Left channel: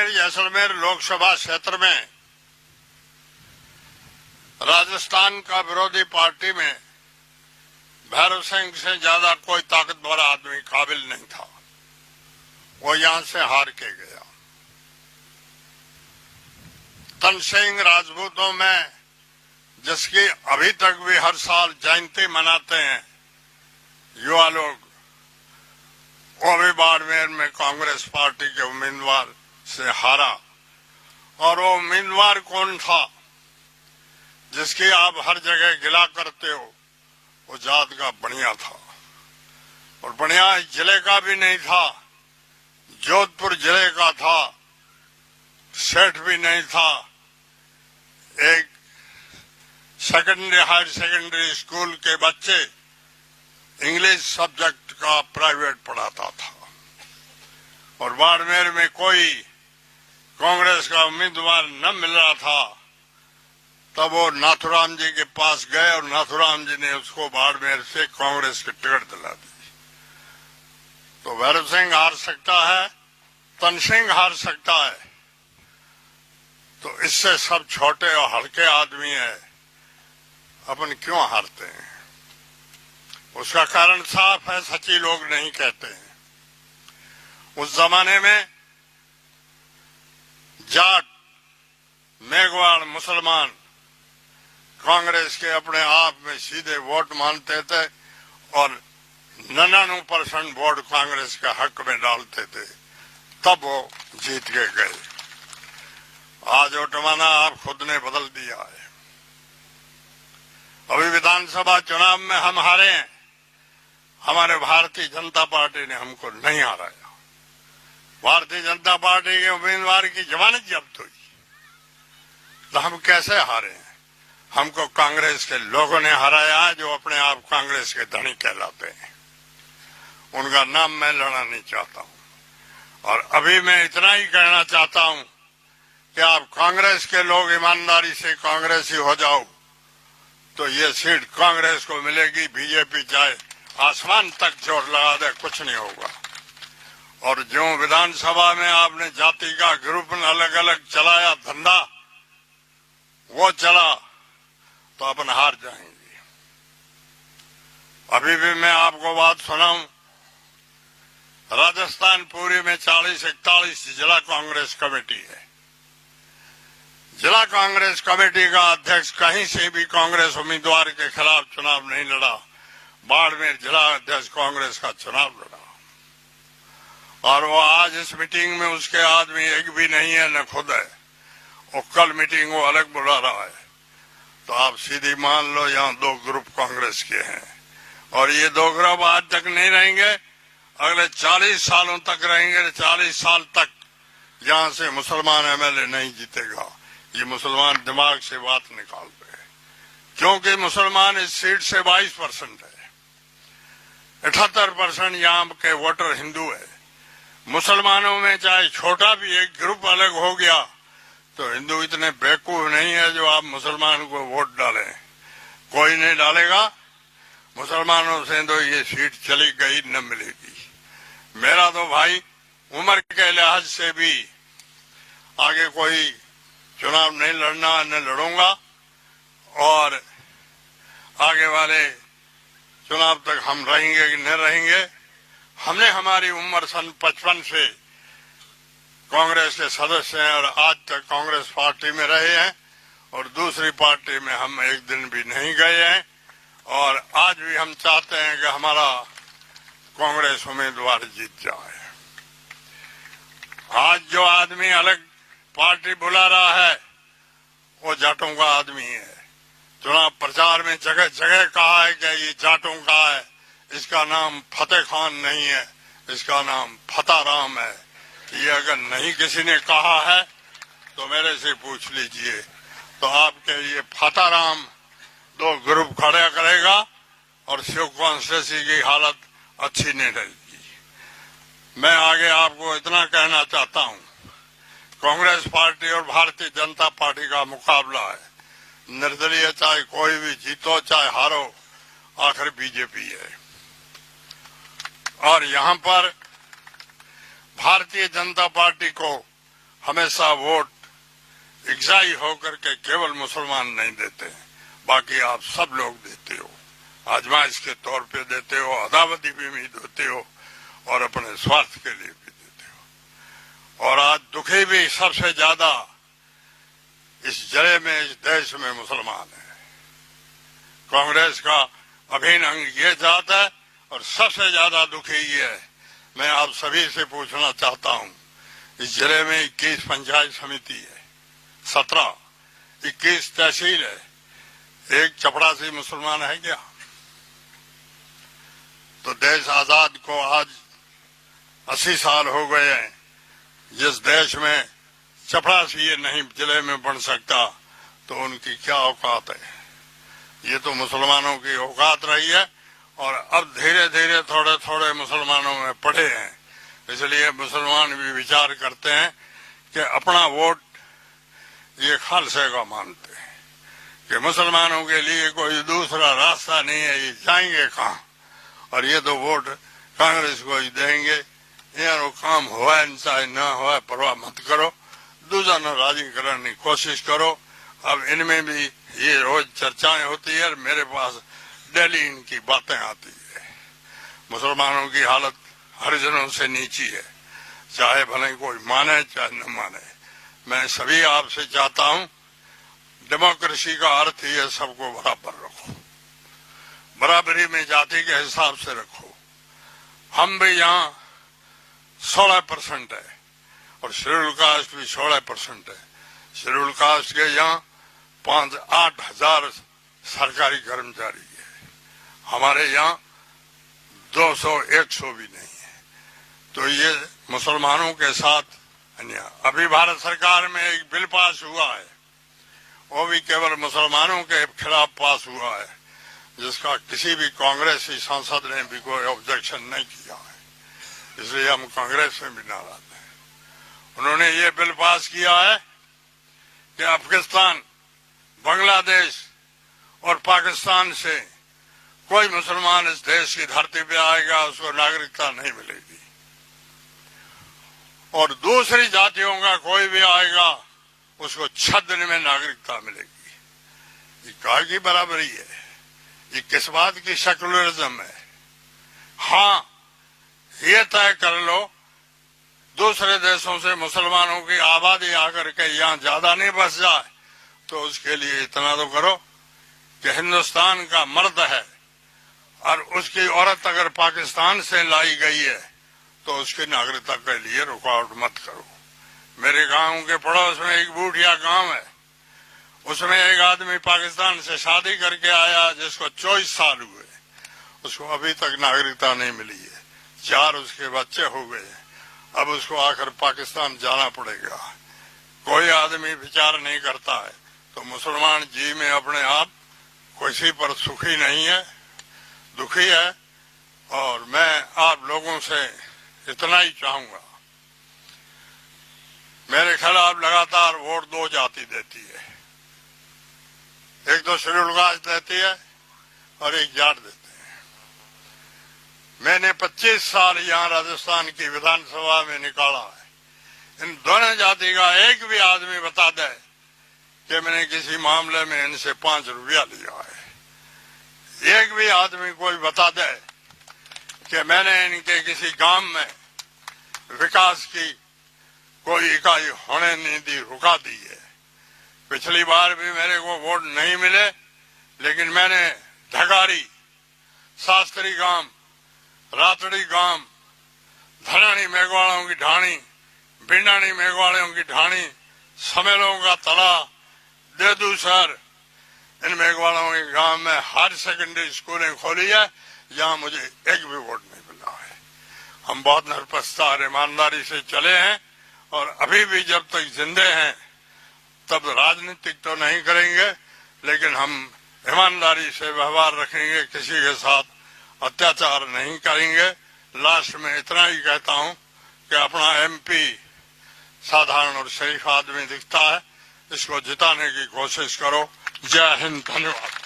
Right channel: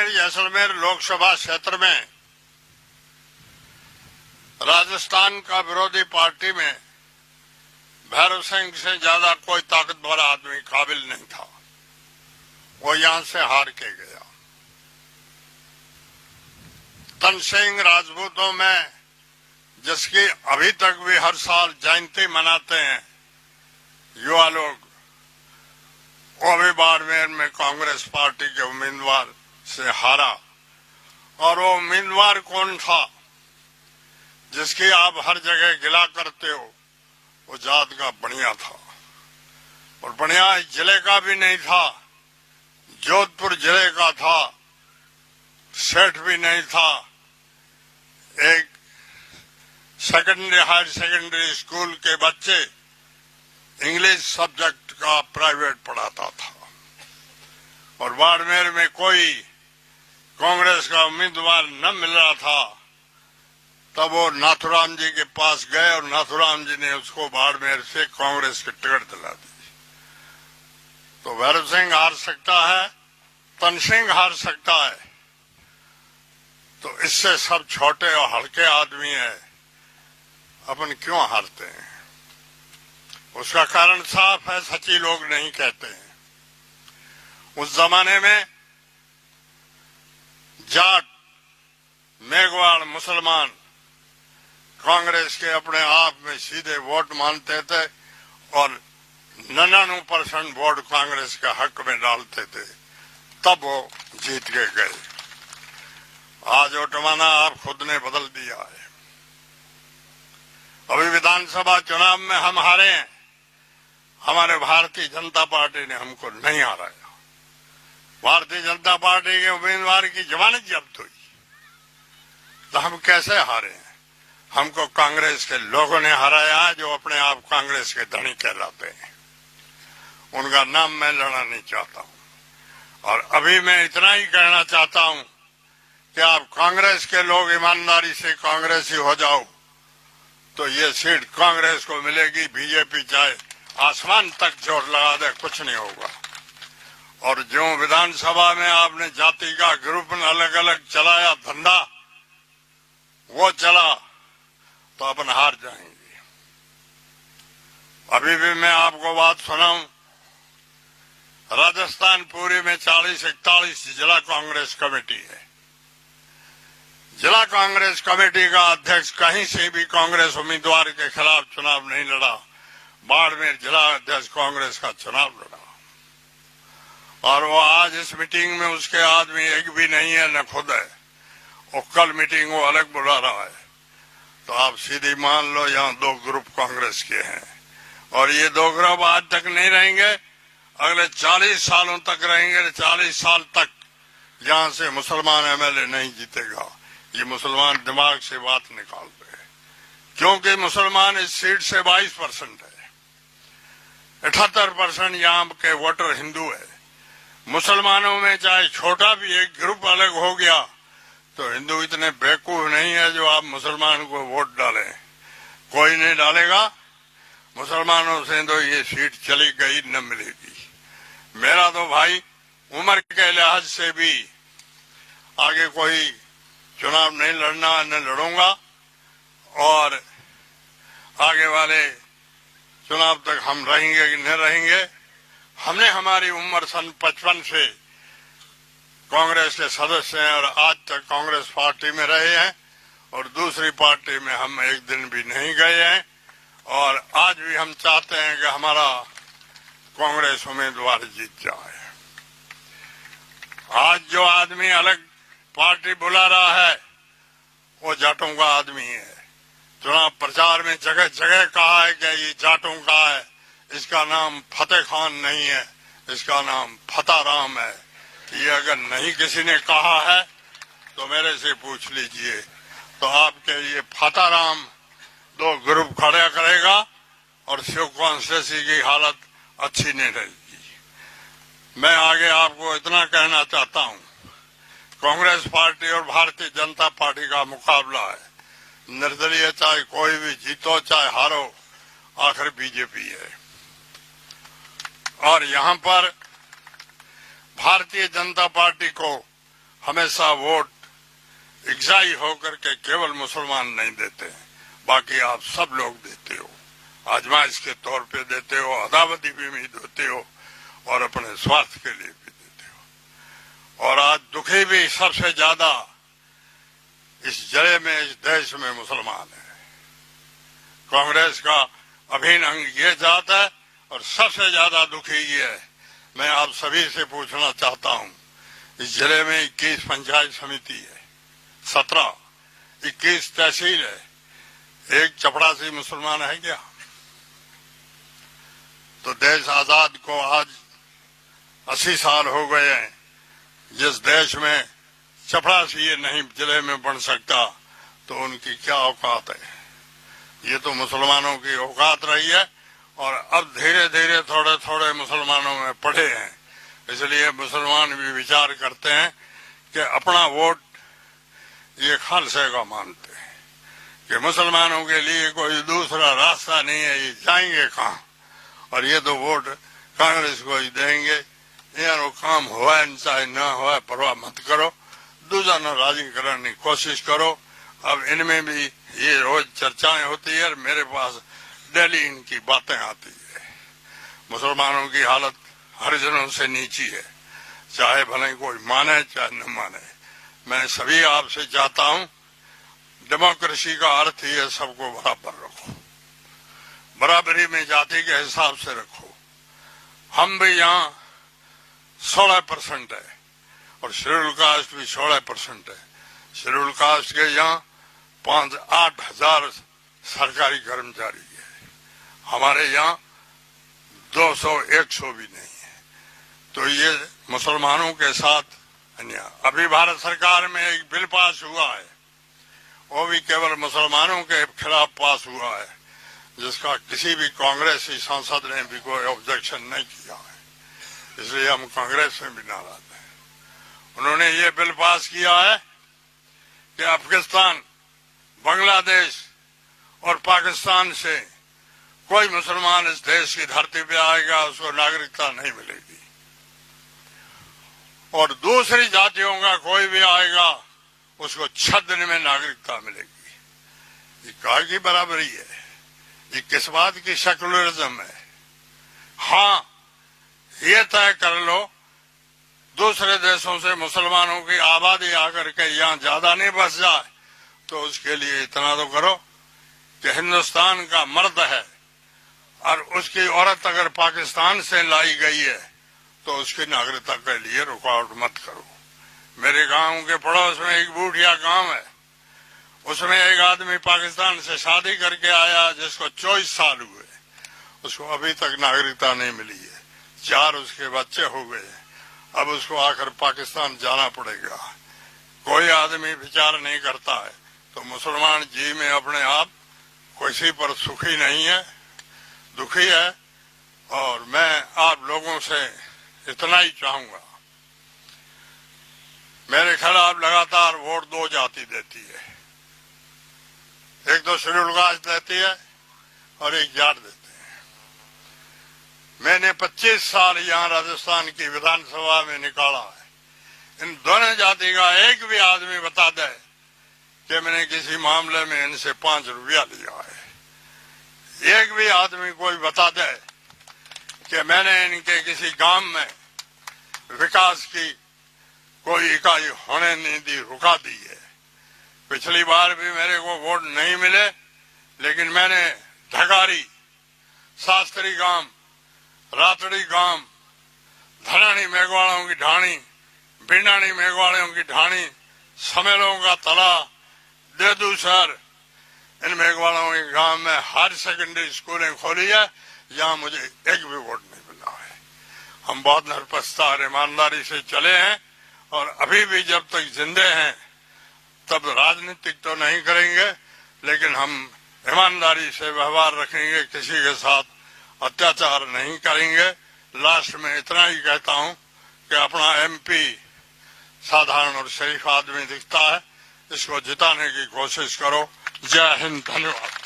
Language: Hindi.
बाड़मेर जैसलमेर लोकसभा क्षेत्र में राजस्थान का विरोधी पार्टी में भैरव सिंह से ज्यादा कोई ताकतवर आदमी काबिल नहीं था। वो यहां से हार के गया। तनसिंह राजपूतों में जिसकी अभी तक भी हर साल जयंती मनाते हैं युवा लोग, वो भी बाड़मेर में कांग्रेस पार्टी के उम्मीदवार से हारा। और वो उम्मीदवार कौन था जिसकी आप हर जगह गिला करते हो? वो जात का बढ़िया था, और बढ़िया इस जिले का भी नहीं था, जोधपुर जिले का था, सेठ भी नहीं था। एक हायर सेकेंडरी स्कूल के बच्चे इंग्लिश सब्जेक्ट का प्राइवेट पढ़ाता था। और बाड़मेर में कोई कांग्रेस का उम्मीदवार न मिल रहा था, तब वो नाथुराम जी के पास गए और नाथुराम जी ने उसको बाड़मेर से कांग्रेस की टिकट दिला दी। तो भैरव सिंह हार सकता है, तनसिंह हार सकता है, तो इससे सब छोटे और हल्के आदमी है, अपन क्यों हारते हैं? उसका कारण साफ है, सच्ची लोग नहीं कहते हैं। उस जमाने में जाट, मेघवाल, मुसलमान कांग्रेस के अपने आप में सीधे वोट मानते थे और 99% वोट कांग्रेस के हक में डालते थे, तब वो जीत के गए। आज वो जमाना आप खुद ने बदल दिया है। अभी विधानसभा चुनाव में हम हारे हैं, हमारे भारतीय जनता पार्टी ने हमको नहीं हराया। भारतीय जनता पार्टी के उम्मीदवार की जमानत जब्त हुई, तो हम कैसे हारे हैं? हमको कांग्रेस के लोगों ने हराया, जो अपने आप कांग्रेस के धनी कहलाते हैं। उनका नाम मैं लेना नहीं चाहता हूं। और अभी मैं इतना ही कहना चाहता हूं कि आप कांग्रेस के लोग ईमानदारी से कांग्रेसी हो जाओ, तो ये सीट कांग्रेस को मिलेगी। बीजेपी चाहे आसमान तक चोट लगा दे, कुछ नहीं होगा। और जो विधानसभा में आपने जाति का ग्रुप अलग अलग चलाया धंधा, वो चला, तो अपन हार जाएंगे। अभी भी मैं आपको बात सुनाऊं, राजस्थान पूरी में 40-41 जिला कांग्रेस कमेटी है। जिला कांग्रेस कमेटी का अध्यक्ष कहीं से भी कांग्रेस उम्मीदवार के खिलाफ चुनाव नहीं लड़ा। बाड़मेर जिला अध्यक्ष कांग्रेस का चुनाव लड़ा, और वो आज इस मीटिंग में उसके आदमी एक भी नहीं है, न खुद है। वो कल मीटिंग वो अलग बुला रहा है। तो आप सीधी मान लो यहाँ 2 ग्रुप कांग्रेस के हैं, और ये 2 ग्रुप आज तक नहीं रहेंगे, अगले 40 सालों तक रहेंगे। 40 साल तक यहाँ से मुसलमान एमएलए नहीं जीतेगा। ये मुसलमान दिमाग से बात निकाल रहे हैं, क्योंकि मुसलमान इस सीट से 22% है। 78% यहाँ के वोटर हिंदू है। मुसलमानों में चाहे छोटा भी एक ग्रुप अलग हो गया, तो हिंदू इतने बेवकूफ नहीं है जो आप मुसलमान को वोट डालें। कोई नहीं डालेगा। मुसलमानों से तो ये सीट चली गई, न मिलेगी। मेरा तो भाई उम्र के लिहाज से भी आगे कोई चुनाव नहीं लड़ना, न लड़ूंगा, और आगे वाले चुनाव तक हम रहेंगे कि नहीं रहेंगे। हमने हमारी उम्र सन 55 से कांग्रेस के सदस्य हैं, और आज तक कांग्रेस पार्टी में रहे हैं, और दूसरी पार्टी में हम एक दिन भी नहीं गए हैं। और आज भी हम चाहते हैं कि हमारा कांग्रेस उम्मीदवार जीत जाए। आज जो आदमी अलग पार्टी बुला रहा है, वो जाटों का आदमी है। चुनाव प्रचार में जगह जगह कहा है कि ये जाटों का है। इसका नाम फतेह खान नहीं है, इसका नाम फताराम है। ये अगर नहीं किसी ने कहा है तो मेरे से पूछ लीजिए। तो आपके ये फताराम 2 ग्रुप खड़ा करेगा, और शिव कॉन्स्टिट्यूंसी की हालत अच्छी नहीं रहेगी। मैं आगे आपको इतना कहना चाहता हूं, कांग्रेस पार्टी और भारतीय जनता पार्टी का मुकाबला है। निर्दलीय चाहे कोई भी जीतो चाहे हारो, आखिर बीजेपी है। और यहाँ पर भारतीय जनता पार्टी को हमेशा वोट इकसाई होकर के केवल मुसलमान नहीं देते हैं, बाकी आप सब लोग देते हो, आजमाइश के तौर पे देते हो, अदावती भी देते हो और अपने स्वार्थ के लिए भी देते हो। और आज दुखी भी सबसे ज्यादा इस जड़े में, इस देश में मुसलमान है। कांग्रेस का अभिन्न अंग ये जात है और सबसे ज्यादा दुखी ये है। मैं आप सभी से पूछना चाहता हूं, इस जिले में 21 पंचायत समिति है, 17, 21 तहसील है, एक चपड़ासी मुसलमान है क्या? तो देश आजाद को आज 80 साल हो गए हैं। जिस देश में चपड़ासी नहीं जिले में बन सकता तो उनकी क्या औकात है? ये तो मुसलमानों की औकात रही है और अब धीरे धीरे थोड़े थोड़े मुसलमानों में पड़े हैं। इसलिए मुसलमान भी विचार करते हैं कि अपना वोट ये खालसा का मानते हैं कि मुसलमानों के लिए कोई दूसरा रास्ता नहीं है, ये जाएंगे कहाँ? और ये तो वोट कांग्रेस को ही देंगे। यार काम हुआ चाहे न हुआ परवाह मत करो, दूसरा न राजी करने की कोशिश करो। अब इनमें भी ये रोज चर्चाएं होती है और मेरे पास डेली इनकी बातें आती है। मुसलमानों की हालत हरिजनों से नीची है, चाहे भले कोई माने चाहे न माने। मैं सभी आपसे चाहता हूं, डेमोक्रेसी का अर्थ ही है सबको बराबर रखो, बराबरी में जाति के हिसाब से रखो। हम भी यहाँ 16% है और शेड्यूल कास्ट भी 16% है। शेड्यूल कास्ट के यहाँ 5-8 हजार सरकारी कर्मचारी है, हमारे यहाँ 200-100 भी नहीं है। तो ये मुसलमानों के साथ अन्याय। अभी भारत सरकार में एक बिल पास हुआ है, वो भी केवल मुसलमानों के खिलाफ पास हुआ है, जिसका किसी भी कांग्रेसी सांसद ने भी कोई ऑब्जेक्शन नहीं किया है। इसलिए हम कांग्रेस में भी नाराज हैं। उन्होंने ये बिल पास किया है कि अफगानिस्तान, बांग्लादेश और पाकिस्तान से कोई मुसलमान इस देश की धरती पे आएगा उसको नागरिकता नहीं मिलेगी, और दूसरी जातियों का कोई भी आएगा उसको 6 दिन में नागरिकता मिलेगी। ये कहाँ की बराबरी है? ये किस बात की सेकुलरिज्म है? हाँ, ये तय कर लो दूसरे देशों से मुसलमानों की आबादी आकर के यहाँ ज्यादा नहीं बस जाए, तो उसके लिए इतना तो करो कि हिंदुस्तान का मर्द है और उसकी औरत अगर पाकिस्तान से लाई गई है तो उसकी नागरिकता के लिए रुकावट मत करो। मेरे गांव के पड़ोस में एक बूढ़िया गांव है, उसमें एक आदमी पाकिस्तान से शादी करके आया जिसको 24 साल हुए, उसको अभी तक नागरिकता नहीं मिली है, 4 उसके बच्चे हो गए, अब उसको आकर पाकिस्तान जाना पड़ेगा। कोई आदमी विचार नहीं करता है। तो मुसलमान जी में अपने आप किसी पर सुखी नहीं है, दुखी है। और मैं आप लोगों से इतना ही चाहूंगा, मेरे खिलाफ लगातार वोट 2 जाति देती है, एक तो शेड्यूल कास्ट देती है और एक जाट देते हैं। मैंने 25 साल यहाँ राजस्थान की विधानसभा में निकाला है, इन दोनों जाति का एक भी आदमी बता दे कि मैंने किसी मामले में इनसे 5 रुपया लिया है। एक भी आदमी कोई बता दे कि मैंने इनके किसी गांव में विकास की कोई इकाई होने नहीं दी, रुका दी है। पिछली बार भी मेरे को वोट नहीं मिले, लेकिन मैंने ढगारी, शास्त्री गांव, रातड़ी गांव, धरानी मेघवालों की ढाणी, भिंडानी मेघवालों की ढाणी, समेलों का तला, देदू शहर, इन मेघवालों के गांव में हायर सेकेंडरी स्कूलें खोली है, यहाँ मुझे एक भी वोट नहीं मिला है। हम बहुत निरपक्षता और ईमानदारी से चले हैं और अभी भी जब तक जिंदे हैं तब राजनीतिक तो नहीं करेंगे, लेकिन हम ईमानदारी से व्यवहार रखेंगे, किसी के साथ अत्याचार नहीं करेंगे। लास्ट में इतना ही कहता हूं कि अपना MP साधारण और शरीफ आदमी दिखता है, इसको जिताने की कोशिश करो। जय हिंद, धन्यवाद।